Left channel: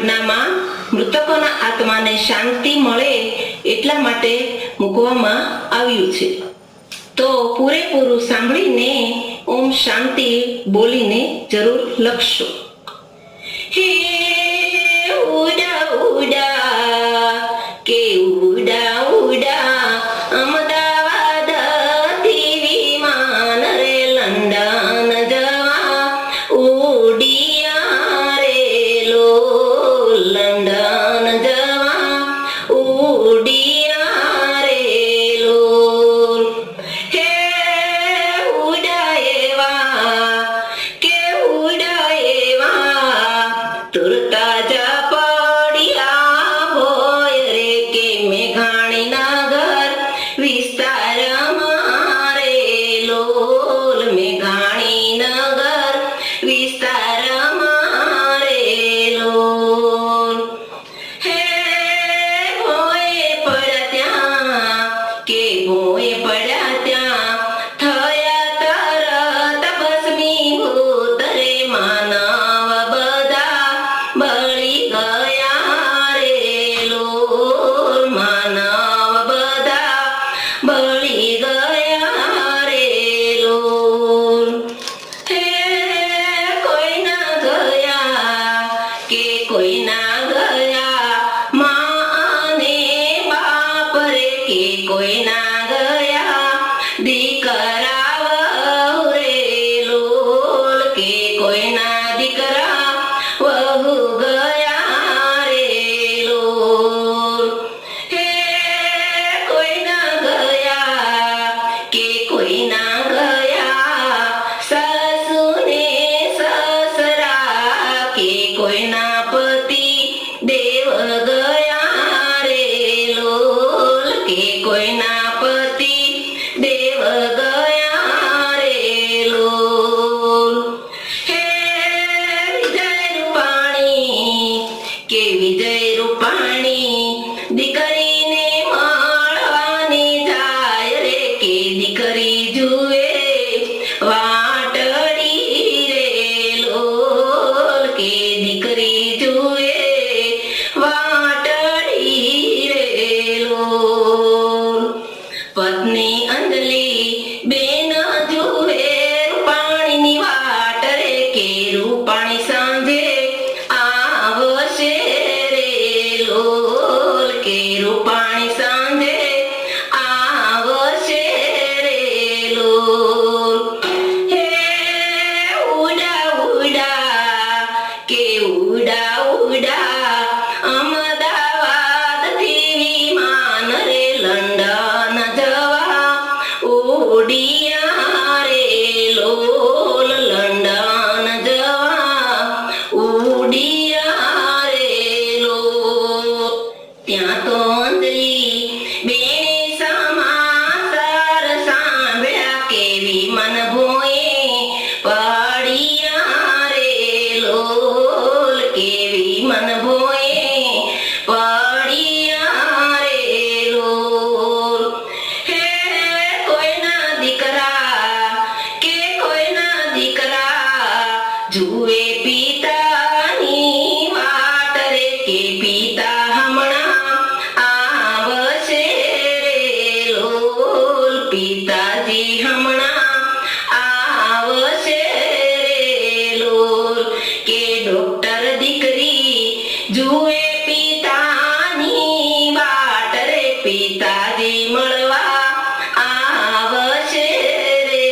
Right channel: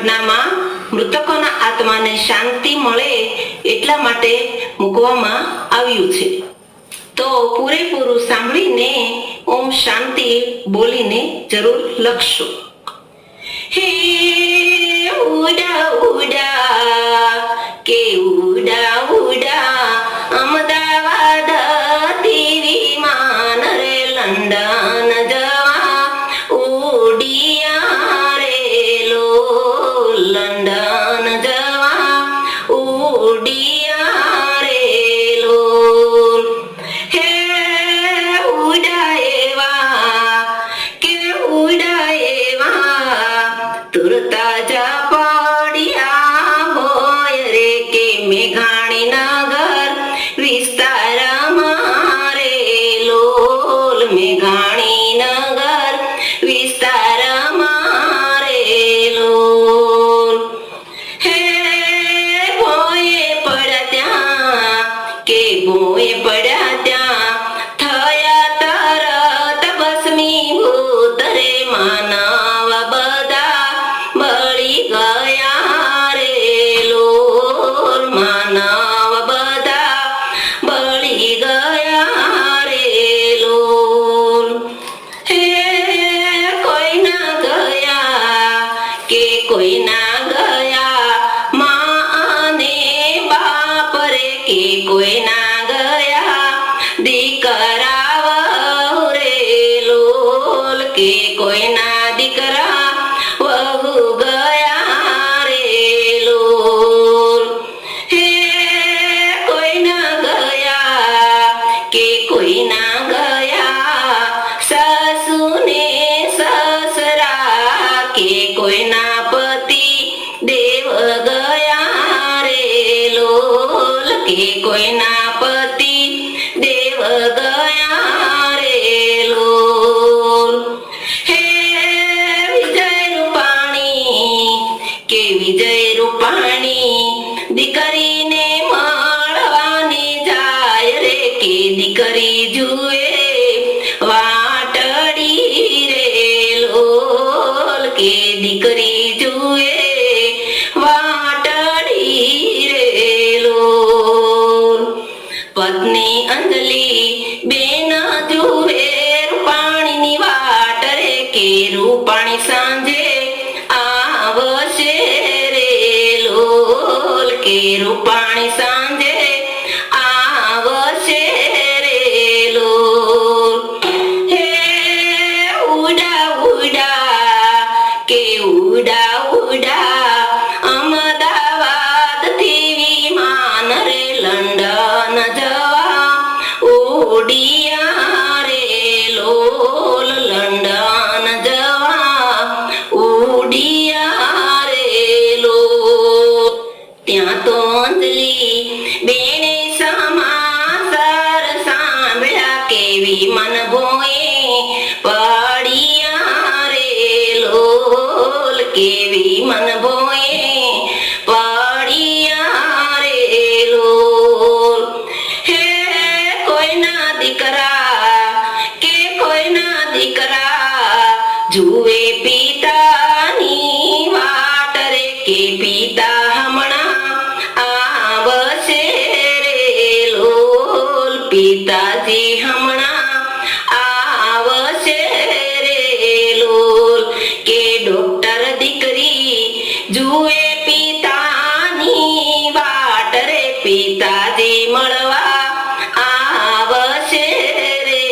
ઘટનામાં મૃતકોના આત્માને શાંતિ મળે એટલા માટે મૂકવામાં આવ્યું છે. તો પૂરેપૂરું સાંભળીને ઓમ શાંતિ બોલીને જરૂર લખશો. હે ઉડા ઉડા કે ઉડા ઉડા અમદાવાદ થી વિમાન રે લંડન જવા ઉડિયા રે લંડન જવા ઉડિયા રે હે ઉડા એવા કે ઉડા એવા તુરતા જા પડ્યા હોય રે કે મેઘાણી નગર વિસ્તારમાં રે મેઘાણી નગર વિસ્તારમાં રે હે ભોંય પડ્યા ત્યાં કે ભોંય પડ્યા ત્યાં થયા તરત ભસ્મીભૂત રે માનવ બધા બળી ગયા રે માનવ બધા બળી ગયા રે હે કોઈ ના ગયા કે કોઈ ના ગયા માં અને બાપ રે કે કોઈ ના ગયા દીકરા વહુ રે કે કોઈ ના દીકરા વહુ ગયા રે હે કોઈ ના ગયા કે કોઈ ના ગયા સાસુ ને સસરા કે કોઈ ના પતિ દેવ ગયા રે કે કોઈ ના પતિ દેવ ગયા રે હે વિજય રૂપાણી કે વિજય રૂપાણી દીકરીને મળવાની જાય રે કે દીકરી જુએ વાટડી રે કે દીકરી જુએ વાટડી રે પત્ની અંજલિ બેન જુએ રૂપાણીની વાટ રે કે રૂપાણી સાંજે આવશે રે કે રૂપાણી સાંજે આવશે રે હે ઉડા ઉડા કે ઉડા ઉડા અમદાવાદ થી વિમાન રે લંડન જવા ઉડિયા રે લંડન જવા ઉડિયા રે ત્યાં તો અંજલિ બેને સમાચાર સાંભળ્યા કેવી મન ભોંય પડ્યા રે કેવી મન ભોંય પડ્યા રે હે કોઈના દીકરા કે કોઈના દીકરા જુએ પિતાની વાટ રે કે પિતા હમણાં આવશે રે પિતાજી હમણાં આવશે રે કે ડોક્ટર દીકરી જુએ પિતાની વાટ રે પિતાજી મળવા આવશે રે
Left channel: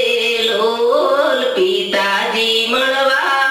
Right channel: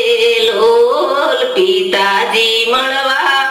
પિતાજી મળવા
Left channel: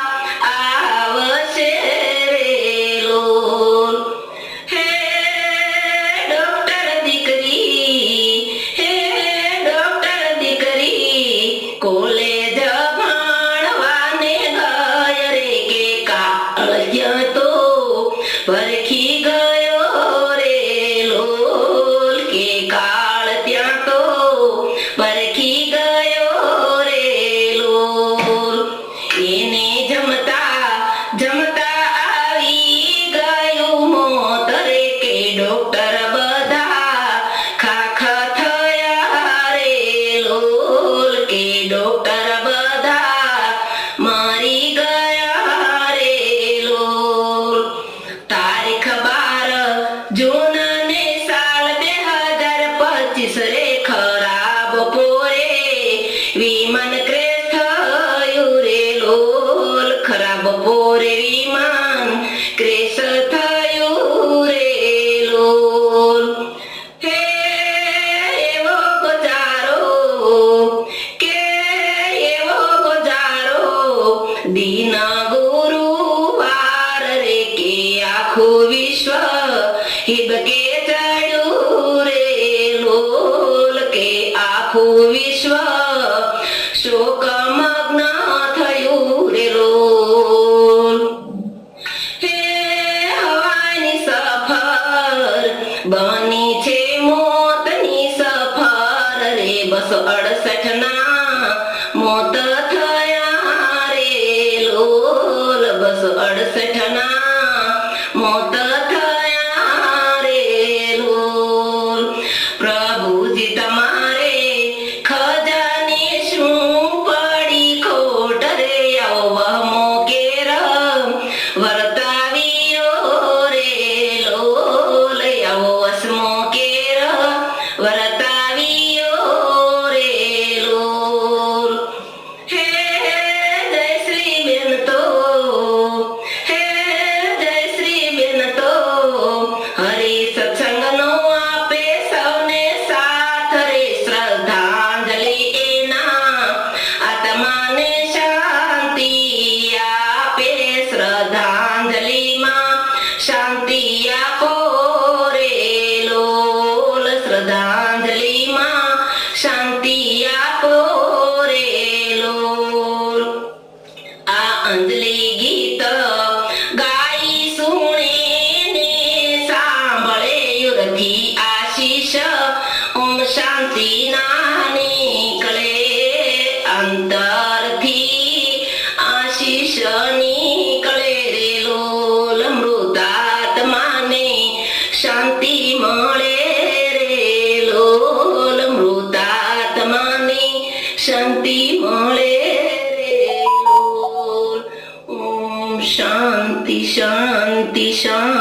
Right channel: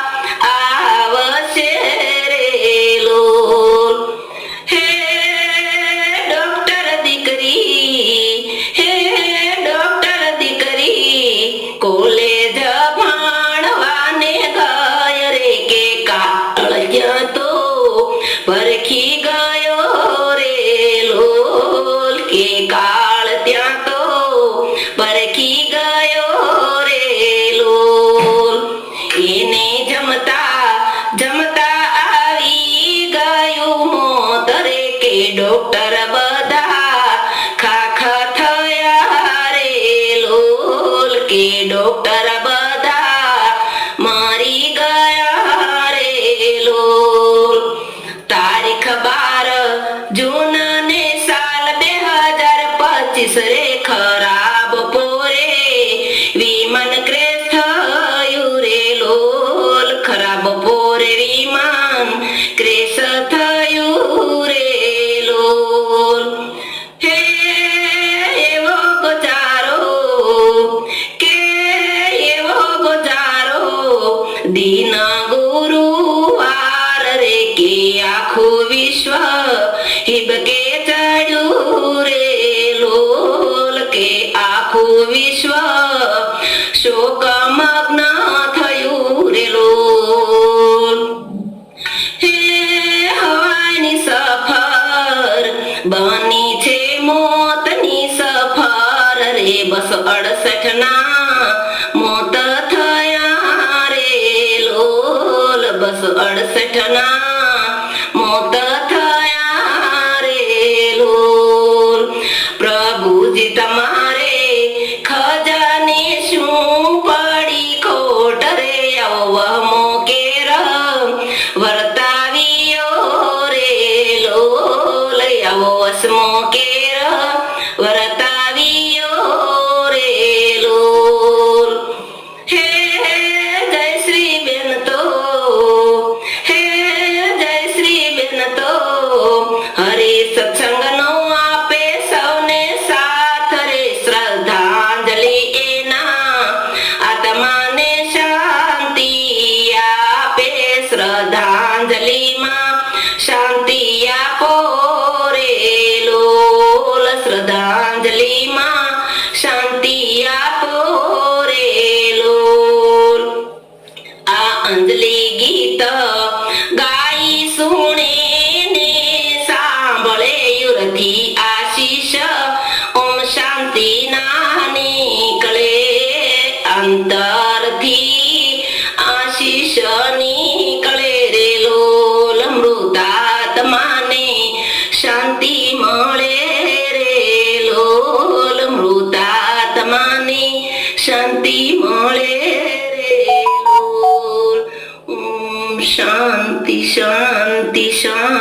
દિન ગુરુવાર રે કે આખું વિશ્વ હિબકે ચડ્યું રે લોલ કે આખું વિશ્વ શોકમગ્ન થયું રે લોલ. હે હવાની સફર બની છે મોતની સફર રે 268 ના મોત થયા રે લોલ 268 ના મોત થયા રે લોલ. પ્રભુજી તમારે ખજાને શું પડી ખોટ રે અવમો કેર વર્તાવ્યો રે લોલ અવસમો કેર વર્તાવ્યો રે લોલ. હે જય શ્રી બેન તો હે જય શ્રી બેન તો હરે સત્સંગનો આપે સૌને સાથ રે શ્રદ્ધાંજલિ એના આત્માને શાંતિ આપે શ્રદ્ધાંજલિમાં શાંતિ આપો રે લોલ શ્રદ્ધાંજલિમાં શાંતિ આપો રે લોલ. આ અંજલિ ગીત ગાઈ સુણે ને સાંભળે યુરથી આશીષ ઓમ શાંતિ ના નીકળે અંતરથી આશીષ નીકળે રે લોલ. મૃતાત્માને શાંતિ મળે રે લોલ મૃતાત્માને શાંતિ મળે રે લોલ. ઓમ શાંતિ શાંતિ શાંતિ.